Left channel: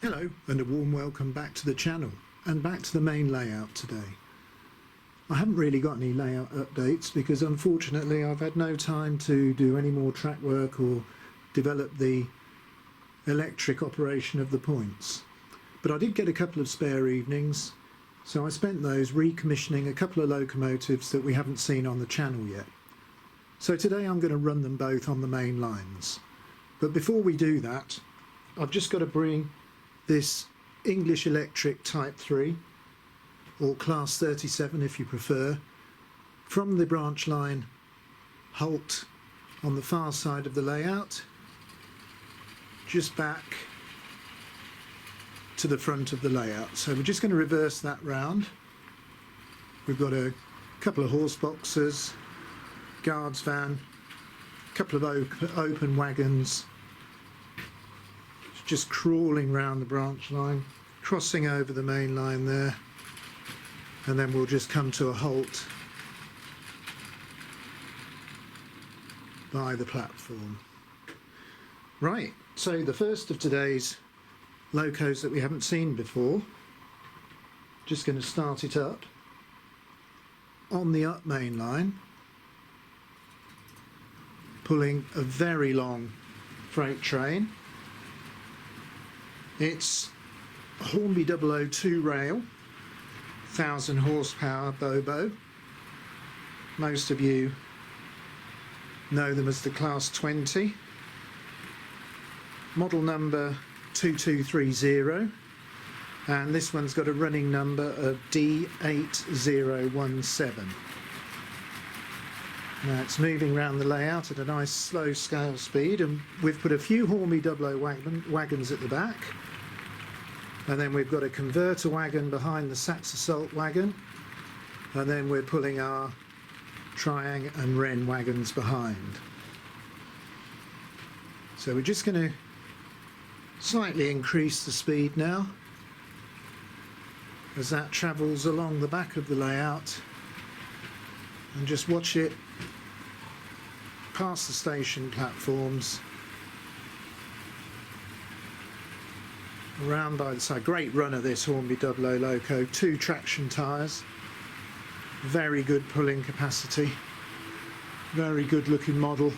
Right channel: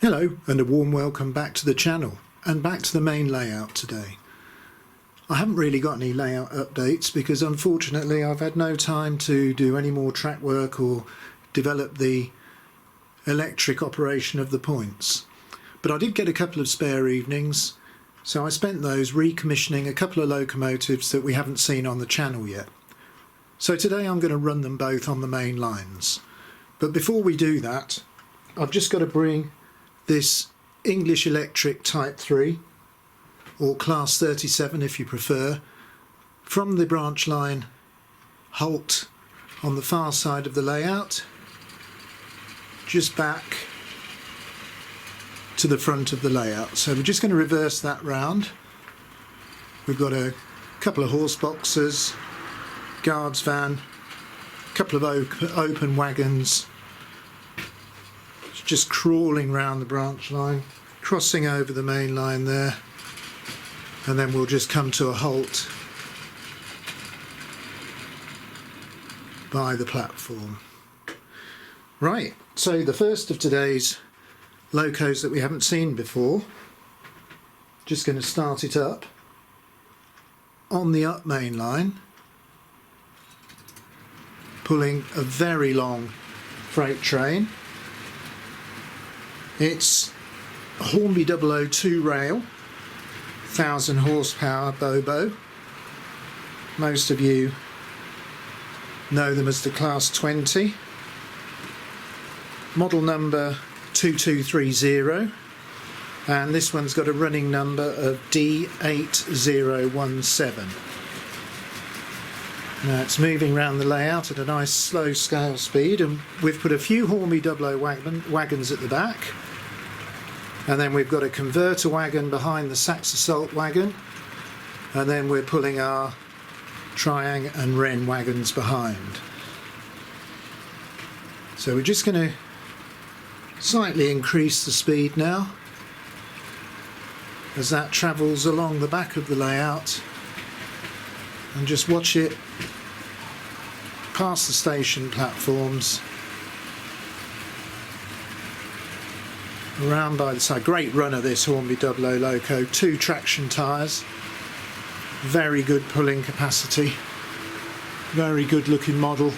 Hello and a warm welcome back to the channel and back to the main layout today. I haven't really got any layout updates because unfortunately I've had no time to do any more track work or develop the electric operation of the points. But I did get a couple of spare evenings, so I spent those recommissioning a couple of locomotives that we haven't seen on the channel yet. So today I'm going to run them both on the main lines. But before we do that, I've just got to bring this English Electric Type 3 or Class 37 if you prefer from the branch line halt on the far side of the layout just back to the front of the layout. So we're just going to reverse that round. We've got a couple of horse boxes, guards van, a couple of open wagons, just crawling round the branch line, crossing over the main line there, and then we'll just come to a halt by the platform. Right, so the first of today's locos that we haven't seen before, just going to start it up on the up main line, pulling a very long freight train. It's a Hornby-Dublo 2 rail, 1000 horsepower Bobo. Most of you know them as the Class 20. Model number 2230, and this one's got a running number of D8017. Now it's moving around the layout at a nice slow scale speed, and we've put a few Hornby-Dublo wagons at the back. And then we've got a converter wagon behind the Sax Assault wagon, and then we're pulling our Triang and Wrenn wagons behind. So we're just going to slightly increase the speed now as that travels along the back of the layout, and just watch it past the station platforms, around by the side. Great runner this Hornby-Dublo loco, 2 traction tyres, very good pulling capacity, very good looking model.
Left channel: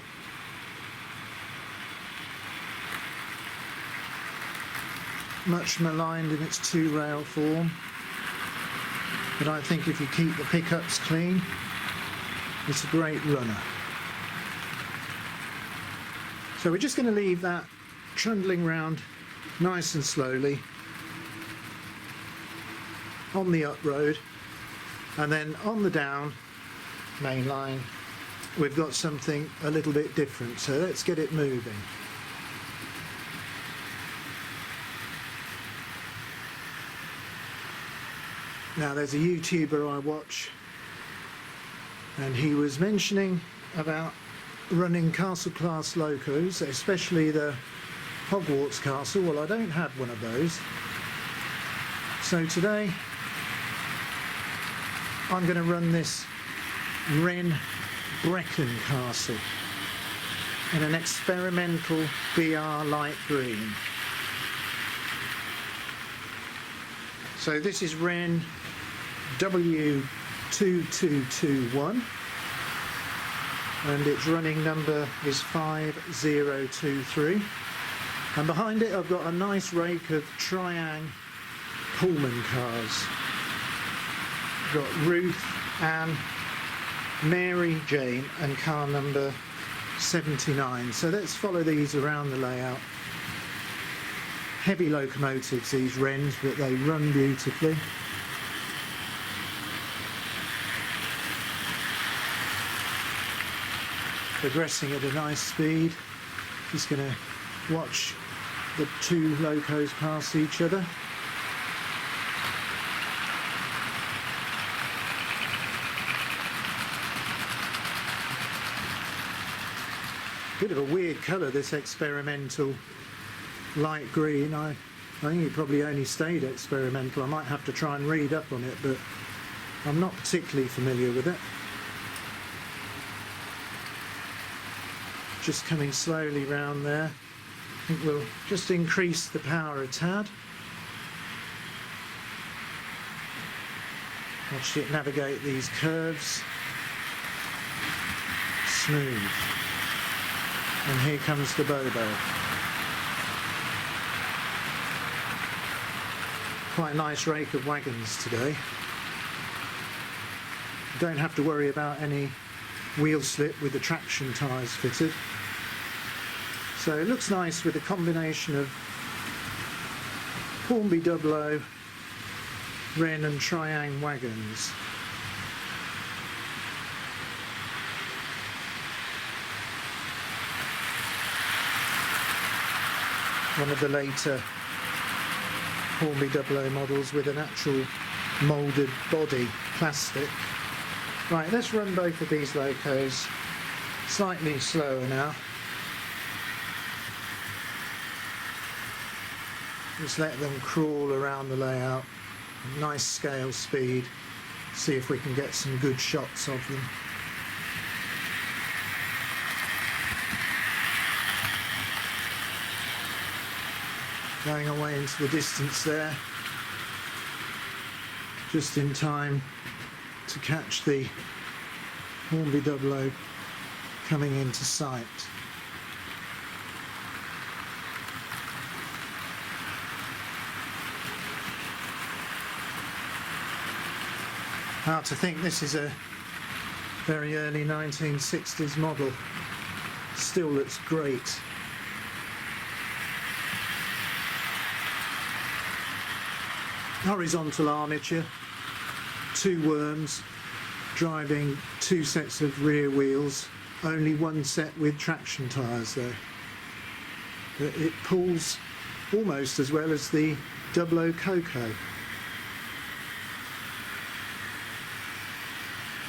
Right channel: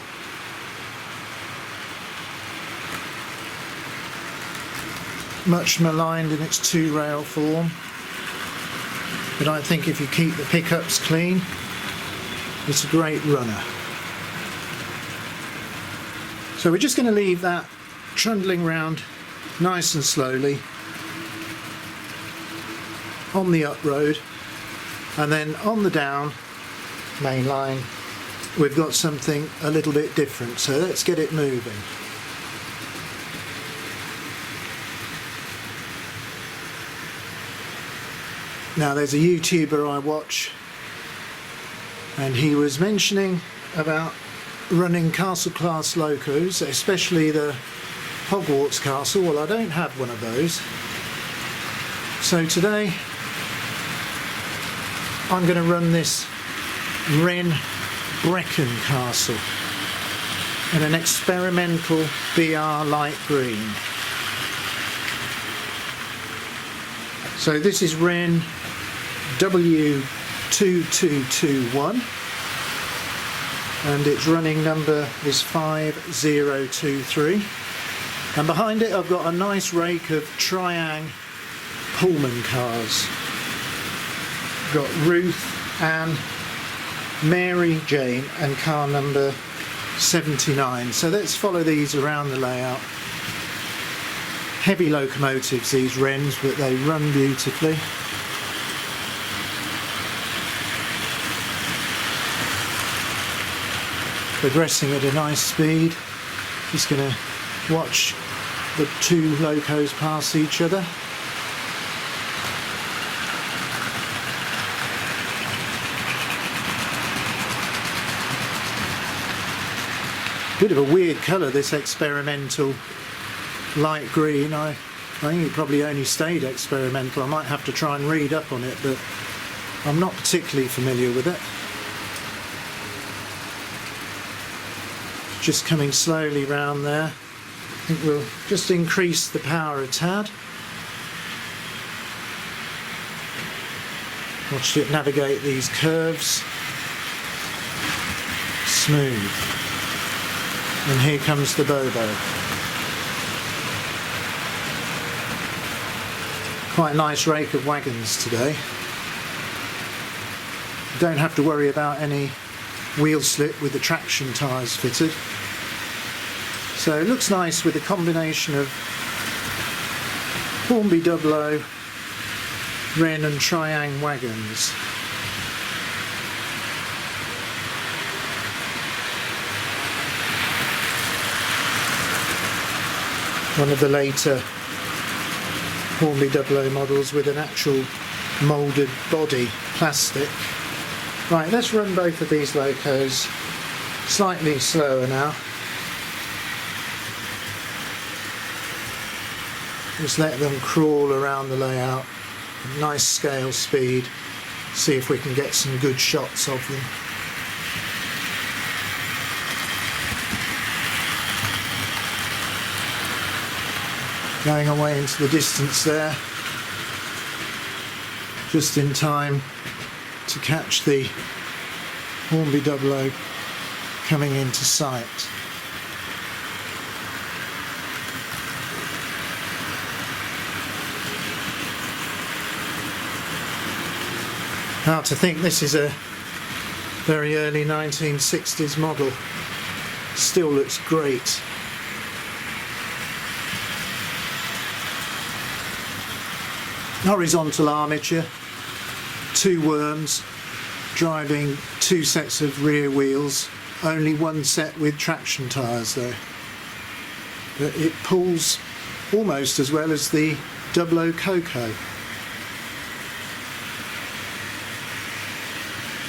Much maligned in its 2 rail form, but I think if you keep the pickups clean, it's a great runner. So we're just going to leave that trundling round nice and slowly on the up road, and then on the down main line we've got something a little bit different, so let's get it moving. Now there's a YouTuber I watch, and he was mentioning about running castle class locos, especially the Hogwarts Castle. Well, I don't have one of those, so today I'm going to run this Wrenn Brecon Castle in an experimental BR light green. So this is Wrenn W2221, and its running number was 5023. And behind it I've got a nice rake of Triang Pullman cars. Got Ruth, Anne, Mary, Jane and car number 79. So let's follow these around the layout. Heavy locomotives, these Wrenns, but they run beautifully. Progressing at a nice speed. Just going to watch the 2 locos pass each other. Bit of a weird colour, this experimental light green. I think it probably only stayed experimental. I might have to try and read up on it, but I'm not particularly familiar with it. Just coming slowly round there. I think we'll just increase the power a tad. Watch it navigate these curves. Smooth. And here comes the Bobo. Quite a nice rake of wagons today. Don't have to worry about any wheel slip with the traction tyres fitted. So it looks nice with a combination of Hornby-Dublo, Wrenn and Triang wagons. One of the later Hornby-Dublo models with an actual moulded body, plastic. Right, let's run both of these locos slightly slower now. Just let them crawl around the layout, nice scale speed, see if we can get some good shots of them. Going away into the distance there, just in time to catch the Hornby-Dublo coming into sight. Hard to think this is a very early 1960s model. Still looks great. Horizontal armature, two worms driving two sets of rear wheels, only one set with traction tyres though. But it pulls almost as well as the Dublo Coco.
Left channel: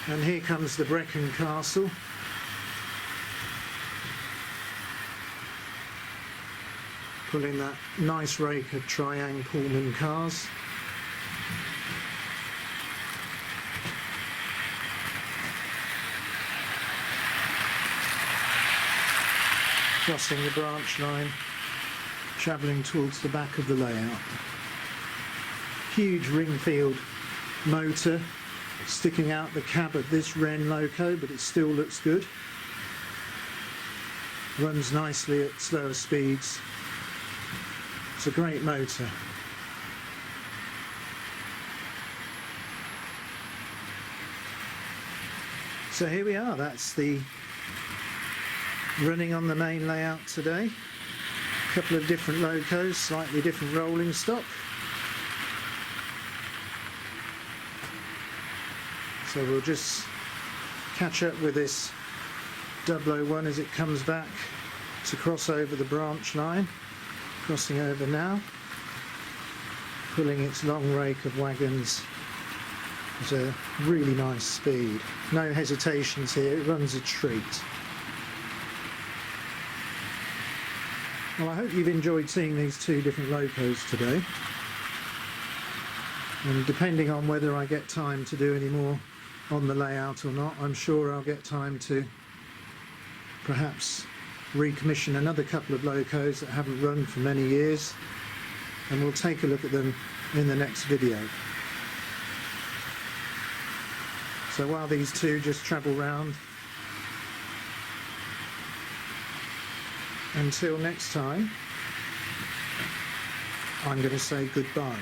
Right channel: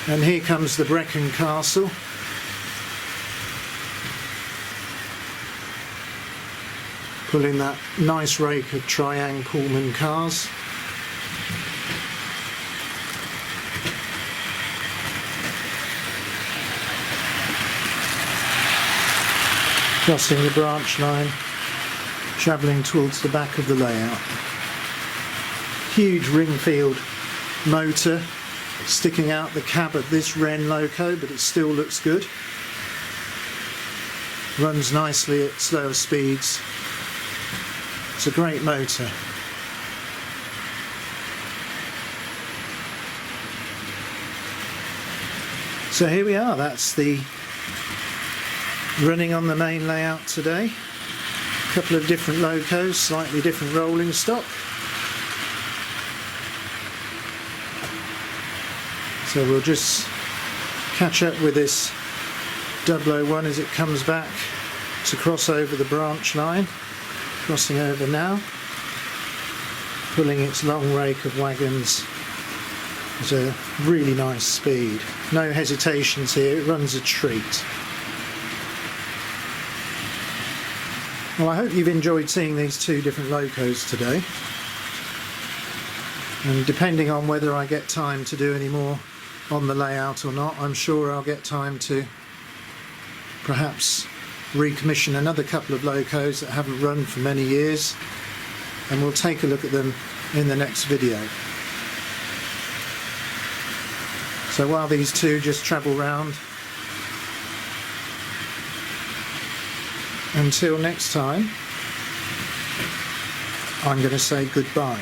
And here comes the Brecon castle. Pulling that nice rake of Triang Pullman cars. Crossing the branch line, travelling towards the back of the layout. Huge Ringfield motor sticking out the cab of this Wrenn loco, but it still looks good. Runs nicely at slower speeds. It's a great motor. So here we are, that's the running on the main layout today. A couple of different locos, slightly different rolling stock. So we'll just catch up with this Dublo one as it comes back to cross over the branch line. Crossing over now, pulling its long rake of wagons at a really nice speed. No hesitations here, it runs a treat. Well, I hope you've enjoyed seeing these two different locos today. And depending on whether I get time to do any more on the layout or not, I'm sure I'll get time to perhaps recommission another couple of locos that haven't run for many years, and we'll take a look at them in the next video. So while these two just travel round, until next time, I'm going to say goodbye.